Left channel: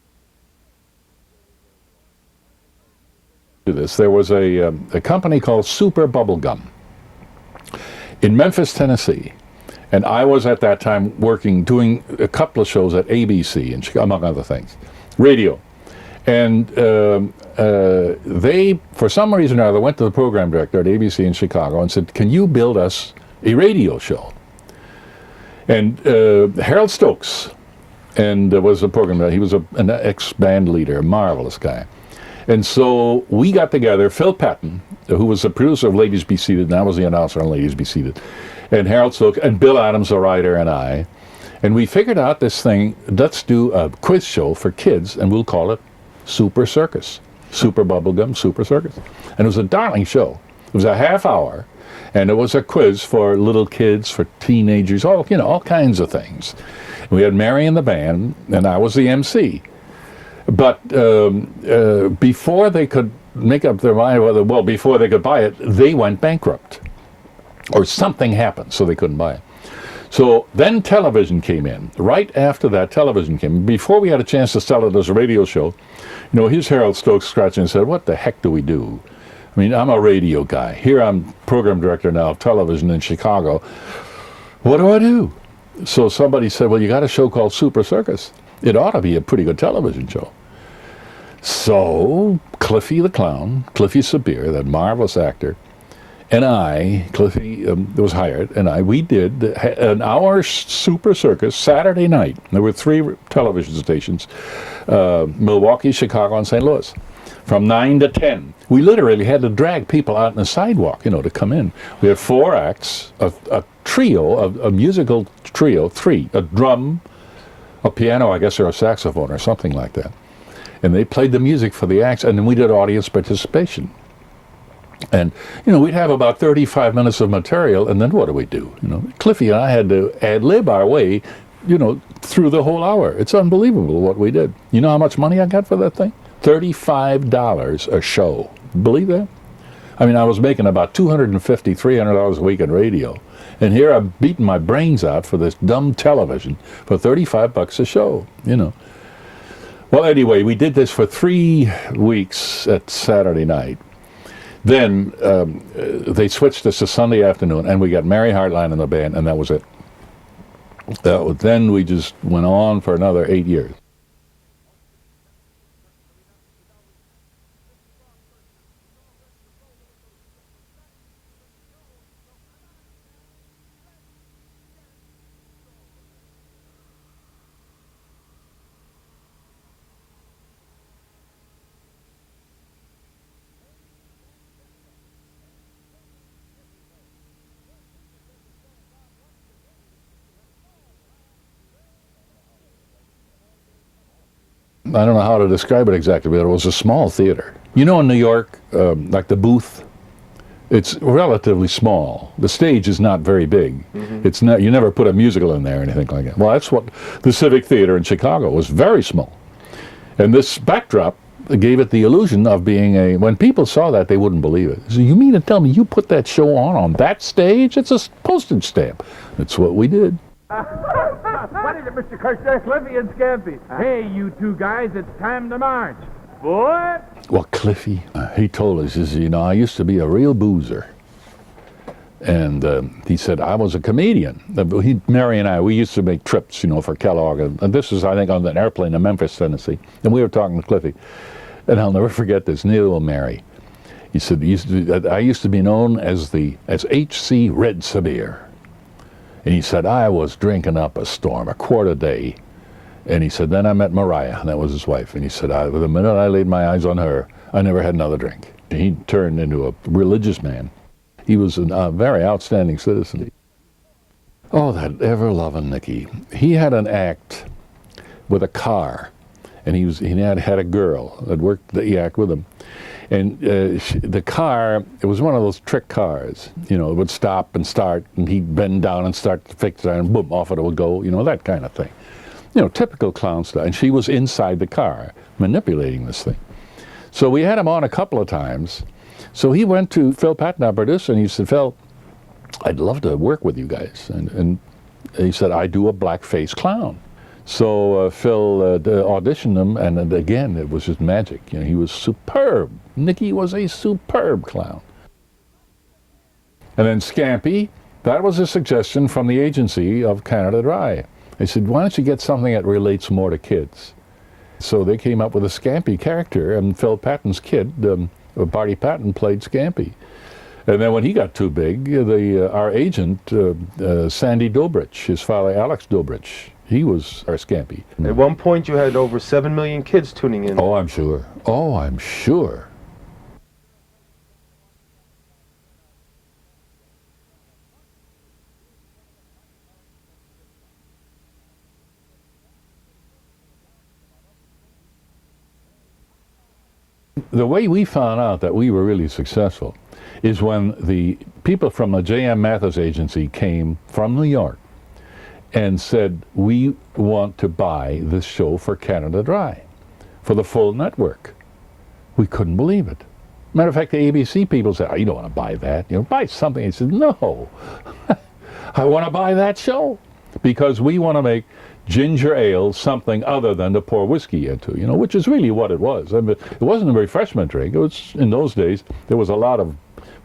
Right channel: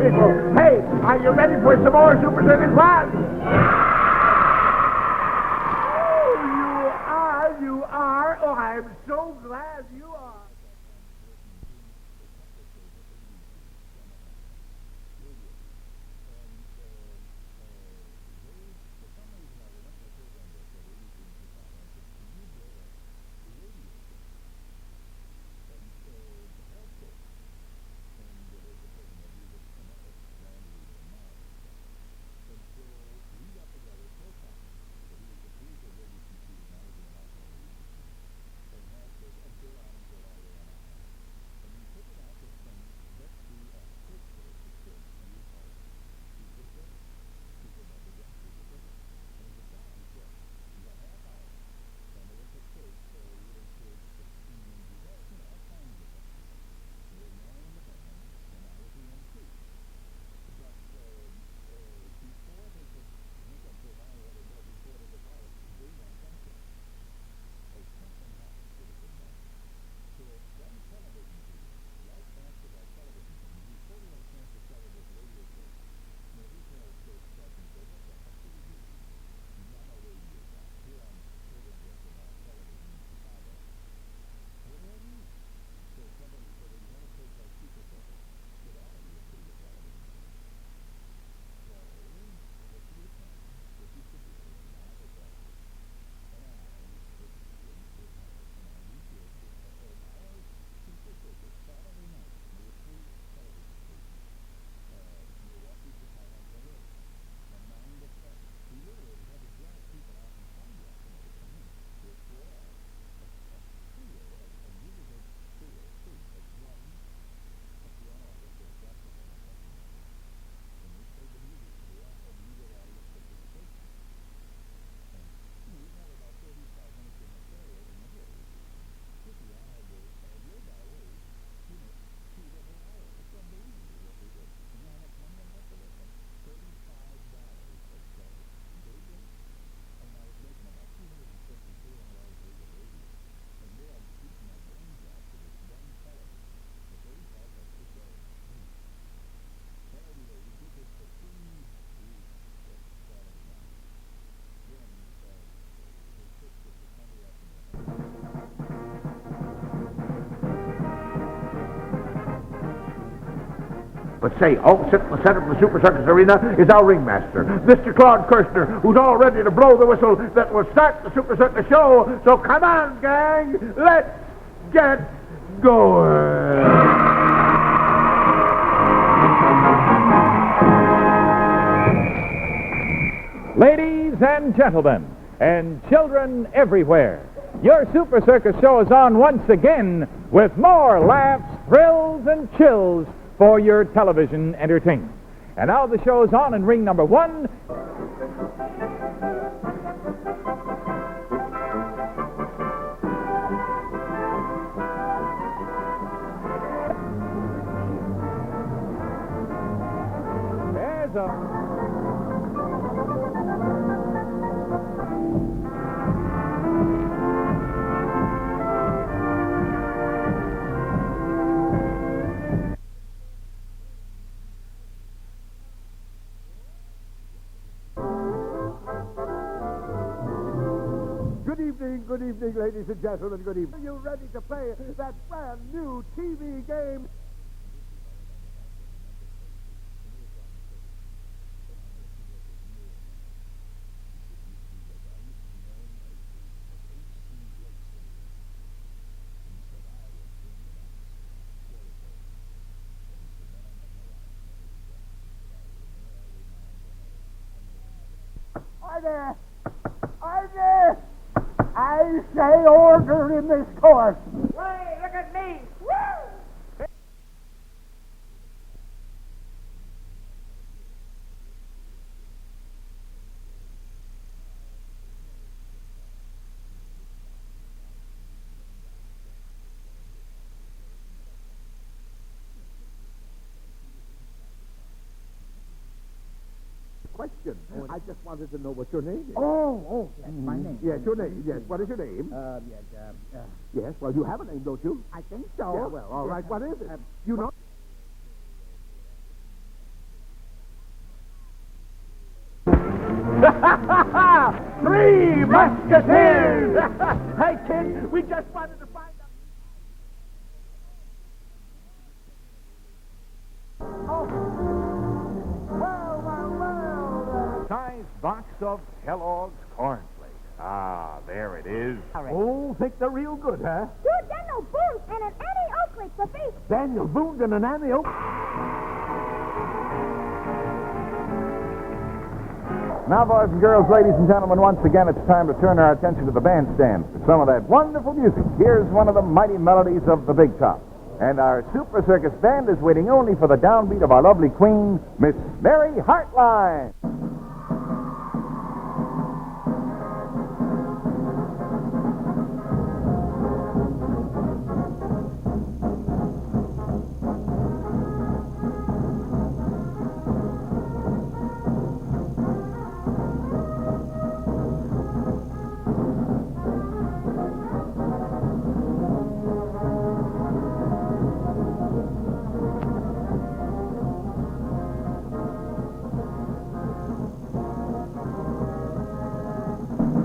people. Hey, are you ready for some more Super Circus fun? There was a company called Super Bubblegum in Memphis, Tennessee. And I was at that time doing a couple of shows at ABC, and among other things, radio. And they, for some reason or other, went to the program director at ABC in Chicago and said, can you build us a radio show? And Harold Stokes was the program director. He was an ex-band leader, a marvelous guy. And so we got together, Phil Patton, who was the producer of Ladies Be Seated, and I was the announcer on Ladies Be Seated, and Harold Stokes, and Bill Adams, the writer, and I. And we figured out this thing, let's do a quiz show for kids, and we'll call it Super Circus. Super Bubblegum, Super Circus. And it was a darling show. It was a half hour, and it was a quiz for little kids, for teenagers, all kinds of things. And we had Mary in the band, and I was the MC. But before they could make up their mind, before they could buy it, they went bankrupt. Or something happened, so they couldn't buy it. So then television came in. Right after that, television came in. Before we had a chance to sell it as a radio show, here's Harold Stokes scratching and said, what the heck do we do? I mean, I'm a radio guy. Here I'm program director now of television in Chicago. What do I do? So somebody said, well, you got a show called Super Circus. It ought to be a pretty good television show. So Cliffy the Clown, Cliffy Sabir, that marvelous actor, and I, Cliffy was hired, and we did an hour Super Circus Saturday night. There were 3 television stations, Milwaukee, Chicago, and St. Louis, from 9 to 10. We literally had to drag people out on the sidewalk, to come in. We had 4 acts, a trio, a musical trio, 3, a drum, a piano, I guess, or a saxophone, or something like that. And they played the music for the acts, and then we did audience participation. And, we'd have about 35 minutes of material, and then what do we do? Cliffy and I had to ad-lib our way, through the whole hour. It's unbelievable what we did. You know how much money I got for that thing? $35 a show. Believe that? I mean, I was making about $250, $300 a week in radio. And here I'm beating my brains out for this dumb television for $35 a show, Well, anyway, we did this for 3 weeks at Saturday night. Then they switched us to Sunday afternoon, and we got Mary Hartline in the band, and that was it. Then we just went on for another 8 years. But say, sitting in the center of the Super Circus Arena is our ringmaster, Mr. Claude Kirchner, who's all ready to blow the whistle that will start the Super Circus show. So come on, gang, let's get going. Ladies and gentlemen, and children everywhere, your Super Circus show is on once again with more laughs, thrills, and chills for your television entertainment. I don't know how to describe it exactly, but it was a small theater. In New York, like the booth, it's relatively small. The stage is not very big. It's not. You never put a musical in there or anything like that. Well, that's what the Civic Theater in Chicago was, very small. And this backdrop gave it the illusion of being when people saw that, they wouldn't believe it. So you mean to tell me you put that show on that stage? It's a postage stamp. It's what we did. What is it, Mr. Kirchner? Cliffy and Scampy. Hey, you 2 guys, it's time to march. What? Well, Cliffy, he told us, I used to be a real boozer. And he said, I was a comedian. Mary and I, we used to make trips, for Kellogg. And this was, I think, on an airplane in Memphis, Tennessee. And we were talking to Cliffy. And I'll never forget this, neither will Mary. He said, I used to be known as H.C. Red Sabir. And he said, I was drinking up a storm, a quart a day. And he said, then I met Mariah, and that was his wife. And he said, the minute I laid my eyes on her, I never had another drink. He turned into a religious man. He was a very outstanding citizen. Oh, that ever-loving Nicky. He had an act with a car, and he had a girl that worked the act with him. And the car, it was one of those trick cars. It would stop and start, and he'd bend down and start to fix it, and boom, off it would go, that kind of thing. Typical clown style. And she was inside the car, manipulating this thing. So we had him on a couple of times. So he went to Phil Patton, our producer, and he said, Phil, I'd love to work with you guys. And he said, I do a blackface clown. So Phil auditioned him, and again, it was just magic. You know, he was superb. Nicky was a superb clown. Three Musketeers! And then Scampy, that was a suggestion from the agency of Canada Dry. They said, why don't you get something that relates more to kids? So they came up with a Scampy character, and Phil Patton's kid, Barty Patton, played Scampy. And then when he got too big, our agent, Sandy Dobrich, his father Alex Dobrich, he was our Scampy. At one point you had over 7 million kids tuning in. Oh, I'm sure. Oh, I'm sure. Now, boys and girls, ladies and gentlemen, once again, it's time to turn our attention to the bandstand for some of that wonderful music. Here's one of the mighty melodies of the Big Top. And our Super Circus band is waiting only for the downbeat of our lovely queen, Miss Mary Hartline. The way we found out that we were really successful is when the people from the J.M. Mathis agency came from New York and said, we want to buy this show for Canada Dry, for the full network. We couldn't believe it. Matter of fact, the ABC people said, oh, you don't want to buy that. You know, buy something. I said, no, I want to buy that show. Because we want to make ginger ale something other than to pour whiskey into, you know, which is really what it was. I mean, it wasn't a refreshment drink. It was, in those days, there was a lot of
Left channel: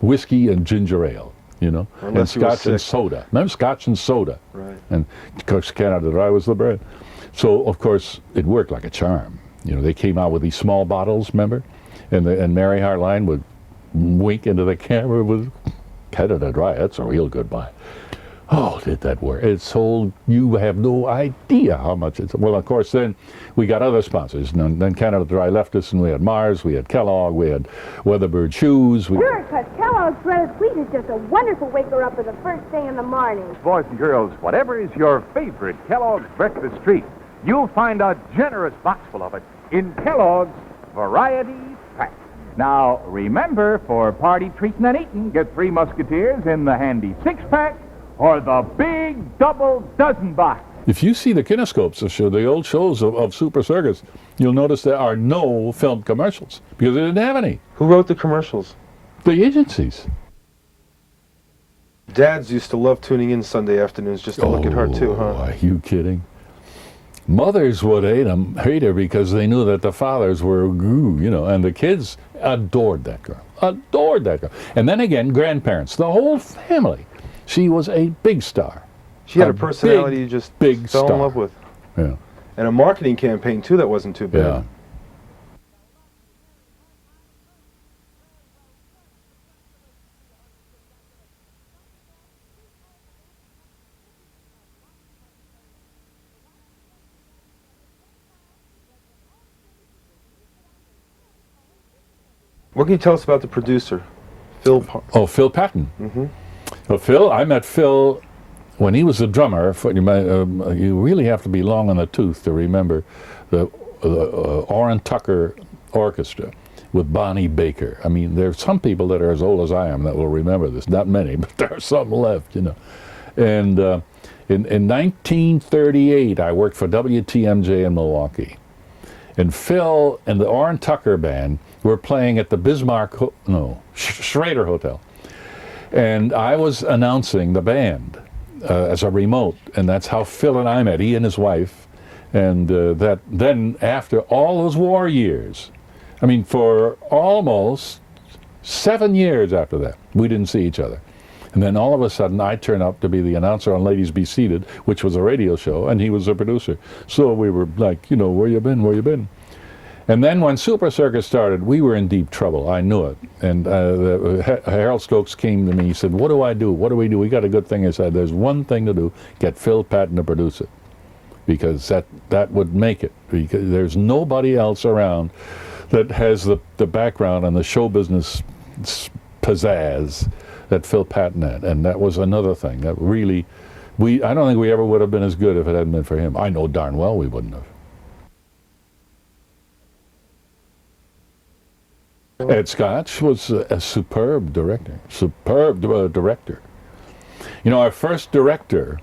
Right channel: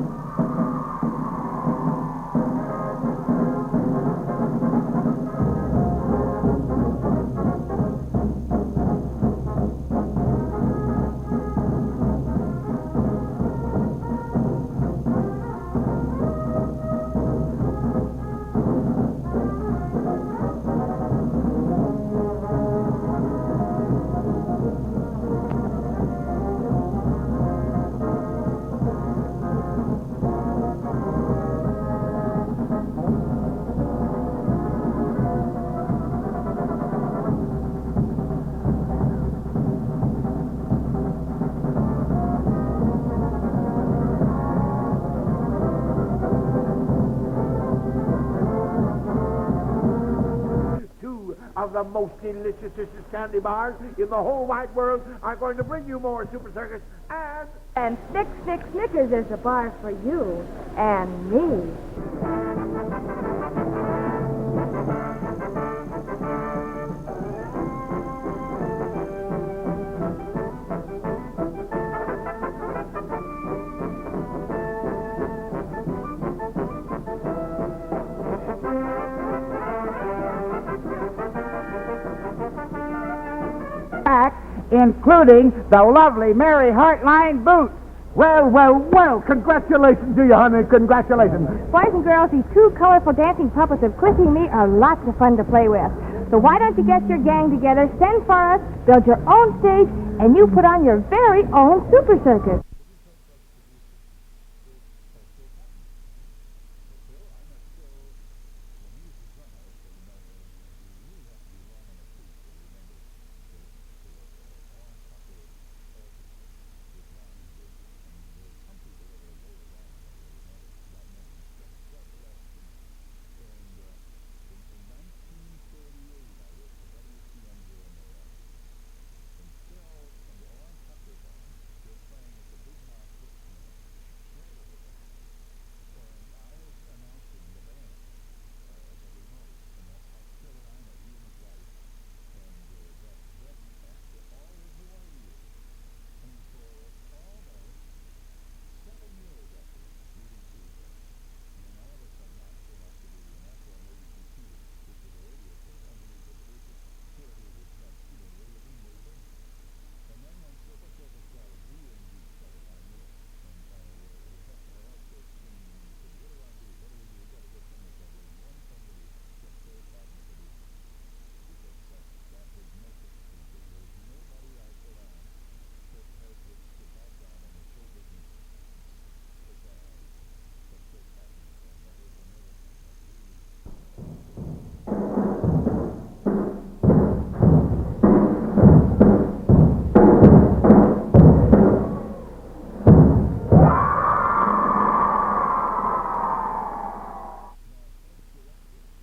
whiskey and ginger ale, you know, and scotch and soda. Remember scotch and soda? And of course, Canada Dry was the bread. So, of course, it worked like a charm. You know, they came out with these small bottles, remember? And Mary Hartline would wink into the camera with Canada Dry. That's a real good buy. Oh, did that work? It sold, you have no idea how much it's, well, of course, then we got other sponsors. And then Canada Dry left us, and we had Mars, we had Kellogg, we had Weatherbird Shoes. Sure, because Kellogg's Bread Sweet is just a wonderful waker-up for the first thing in the morning. Boys and girls, whatever is your favorite Kellogg's breakfast treat, you'll find a generous box full of it in Kellogg's Variety Pack. Now, remember, for party treating and eating, get 3 Musketeers in the handy 6-pack or the big double dozen box. If you see the kinescopes of the old shows of Super Circus, you'll notice there are no film commercials because they didn't have any. Who wrote the commercials? The agencies. And me. Dads used to love tuning in Sunday afternoons just to look at her too, huh? Are you kidding? Mothers would hate her because they knew that the fathers were, you know, and the kids adored that girl. Adored that girl. And then again, grandparents, the whole family. She was a big star. She had a personality you just fell in love with. Yeah. And a marketing campaign too that wasn't too bad. Yeah. Including the lovely Mary Hartline boots. Well, well, well, congratulations to you, honey. Congratulations. Boys and girls, these 2 colorful dancing puppets of Chrissy and me are lots of fun to play with. So why don't you get your gang together, send for us, build your own stage, and you put on your very own Super Circus. What can you tell us about the producer, Phil? Phil Patton. Mm-hmm. Well, I met Phil when he was a drummer. You really have to be long on the tooth to remember the Orrin Tucker Orchestra with Bonnie Baker. I mean, there are some people that are as old as I am that will remember this. Not many, but there are some left, you know. And in 1938, I worked for WTMJ in Milwaukee. And Phil and the Orrin Tucker Band were playing at the Schrader Hotel. And I was announcing the band as a remote, and that's how Phil and I met, he and his wife. And that then after all those war years, I mean, for almost 7 years after that, we didn't see each other. And then all of a sudden, I turned up to be the announcer on Ladies Be Seated, which was a radio show, and he was the producer. So we were like, you know, where you been, where you been? And then when Super Circus started, we were in deep trouble. I knew it. And Harold Stokes came to me. He said, what do I do? What do we do? We got a good thing. I said, there's one thing to do. Get Phil Patton to produce it. Because that would make it. Because there's nobody else around that has the background and the show business pizzazz that Phil Patton had. And that was another thing that really, I don't think we ever would have been as good if it hadn't been for him. I know darn well we wouldn't have. Ed Scotch was a superb director. You know, our first director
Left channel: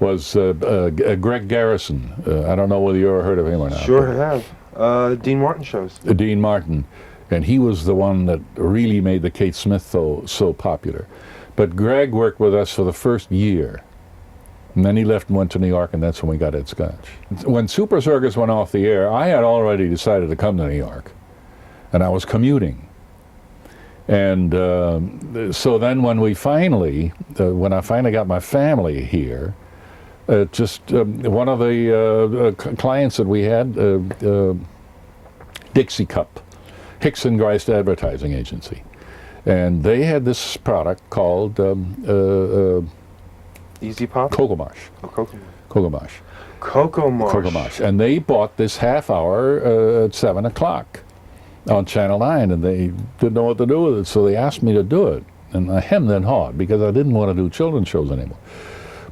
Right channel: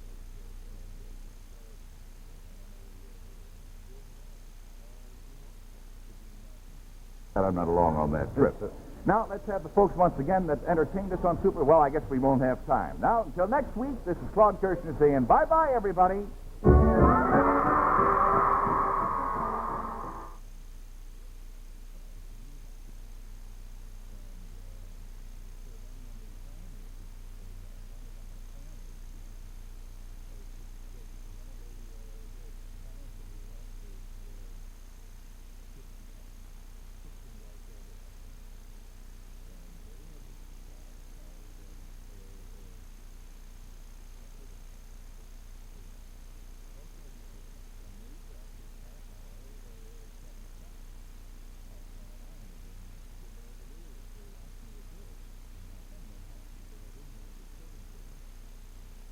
was Greg Garrison. I don't know whether you ever heard of him or not. Sure have. Dean Martin shows. Dean Martin. And he was the one that really made the Kate Smith so popular. But Greg worked with us for the first year. And then he left and went to New York, and that's when we got Ed Scotch. When Super Circus went off the air, I had already decided to come to New York. And I was commuting. And so then when we finally, when I finally got my family here, just one of the clients that we had, Dixie Cup, Hickson Geist Advertising Agency. And they had this product called Easy Pop? Cocoa Marsh. Oh, Cocoa Marsh. Cocoa Marsh. Cocoa Marsh. Cocoa Marsh. And they bought this half hour at 7 o'clock on Channel 9, and they didn't know what to do with it, so they asked me to do it. And I hemmed and hawed because I didn't want to do children's shows anymore.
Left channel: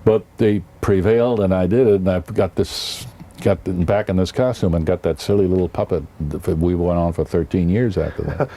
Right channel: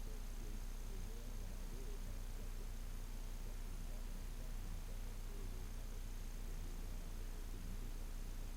But they prevailed, and I did it, and I got back in this costume and got that silly little puppet. We went on for 13 years after that.